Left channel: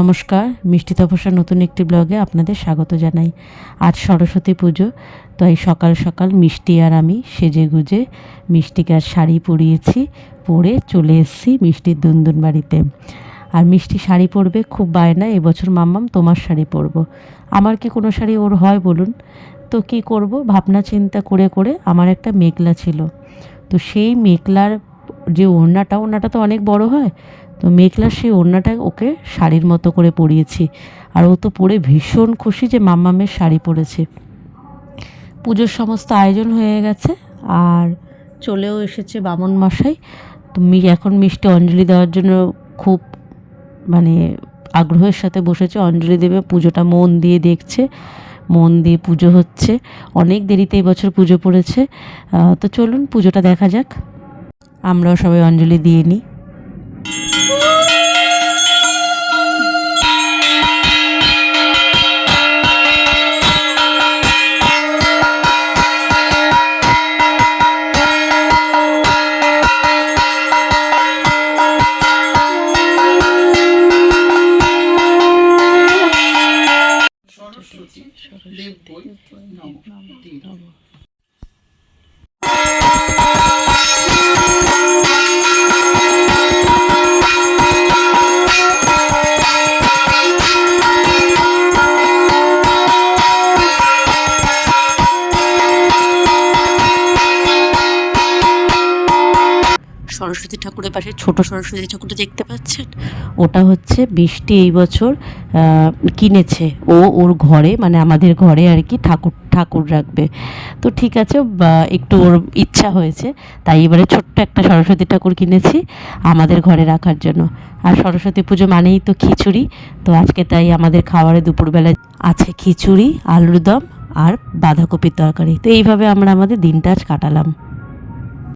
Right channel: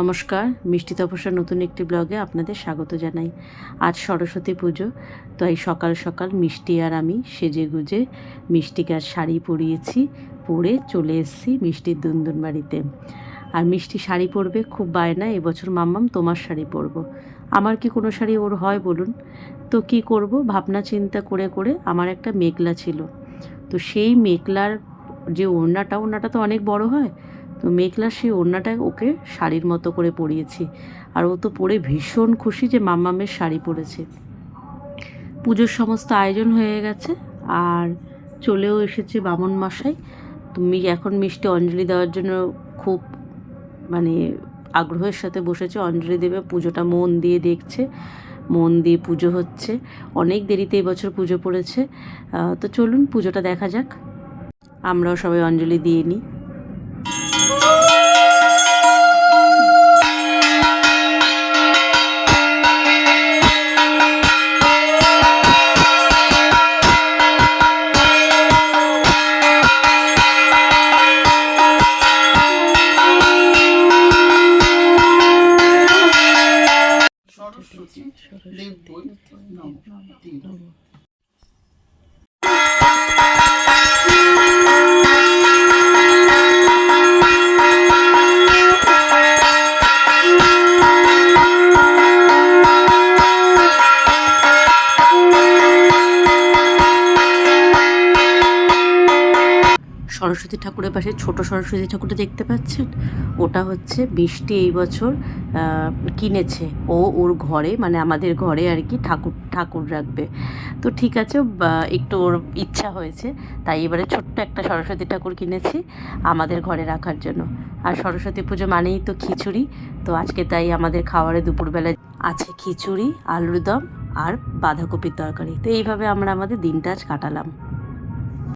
নমস্কার, মিষ্টি তপস্যার নতুন একটি ব্লগে আপনাদের স্বাগত জানাই। আজ সরস্বতী পুজো, তো এই সকাল সকাল মিষ্টি আর আমি সেজেগুজে মিষ্টিকে আর শাড়ি পরিয়েছি, পরে চলে এসেছি মিষ্টির দুনদুন বাড়িতে। আর মিষ্টি শাড়ি পরবে, খুব বায়না এবছর মাম্মাম তোমার শাড়ি পরবো। আমার কি কোনো শাড়ি ওর হয় বলুন? তো কি করব ভাবনা চিন্তা করে করে আমার একটা মেখলা ছিল, তো সেই মেখলার যে ওড়নাটা তো অনেক বড় হয়, তো মেখলার সেই ওড়নাটা ওকে শাড়ির মতো করে পরিয়েছি। আর ও তো পরে ভীষণ খুশি যে মাম্মামের শাড়ি পরেছে। পুজোর সমস্ত আয়োজন হয়ে গেছে, আর চলেও এসেছে বামন মশাই। তুমি এখন মিষ্টি অঞ্জলি দেওয়ার জন্য খুব মানে আগ্রহের সাথে বসেছে, অঞ্জলি দেবে। পুজোটা মন দিয়ে দেখছে, মন দিয়ে পুজো হচ্ছে। অনেক দেরিতে এবছর পুজো পড়েছে। তো চলুন পুজোটা দেখা যাক। আমরাও সবাই অঞ্জলি দিয়ে নিই। সরস্বতী ঠাকুরের পাশে ছোট সরস্বতী ঠাকুরটা দেখতে পাচ্ছেন, ওটা হচ্ছে বৃষ্টি এই বছর কিনেছে। ওর ঘরে, মানে আমাদের ঘরে আর কি ঠাকুর রাখবে। তো ঠিক আছে, একটু ওর ইচ্ছা হয়েছে, তাই এবারে ছোট্ট একটা সরস্বতী ঠাকুর কিনেছি আমাদের ঘরে রাখার জন্য। আর সরস্বতী পুজো মানেই তো খিচুড়ি, তো আজকে তাই আমাদের খাবারে দুপুরবেলায় আছে খিচুড়ি, আলুর দম আর বাঁধাকপির তরকারি। তো এইভাবে আমরা আমাদের দিনটা আজ কাটালাম।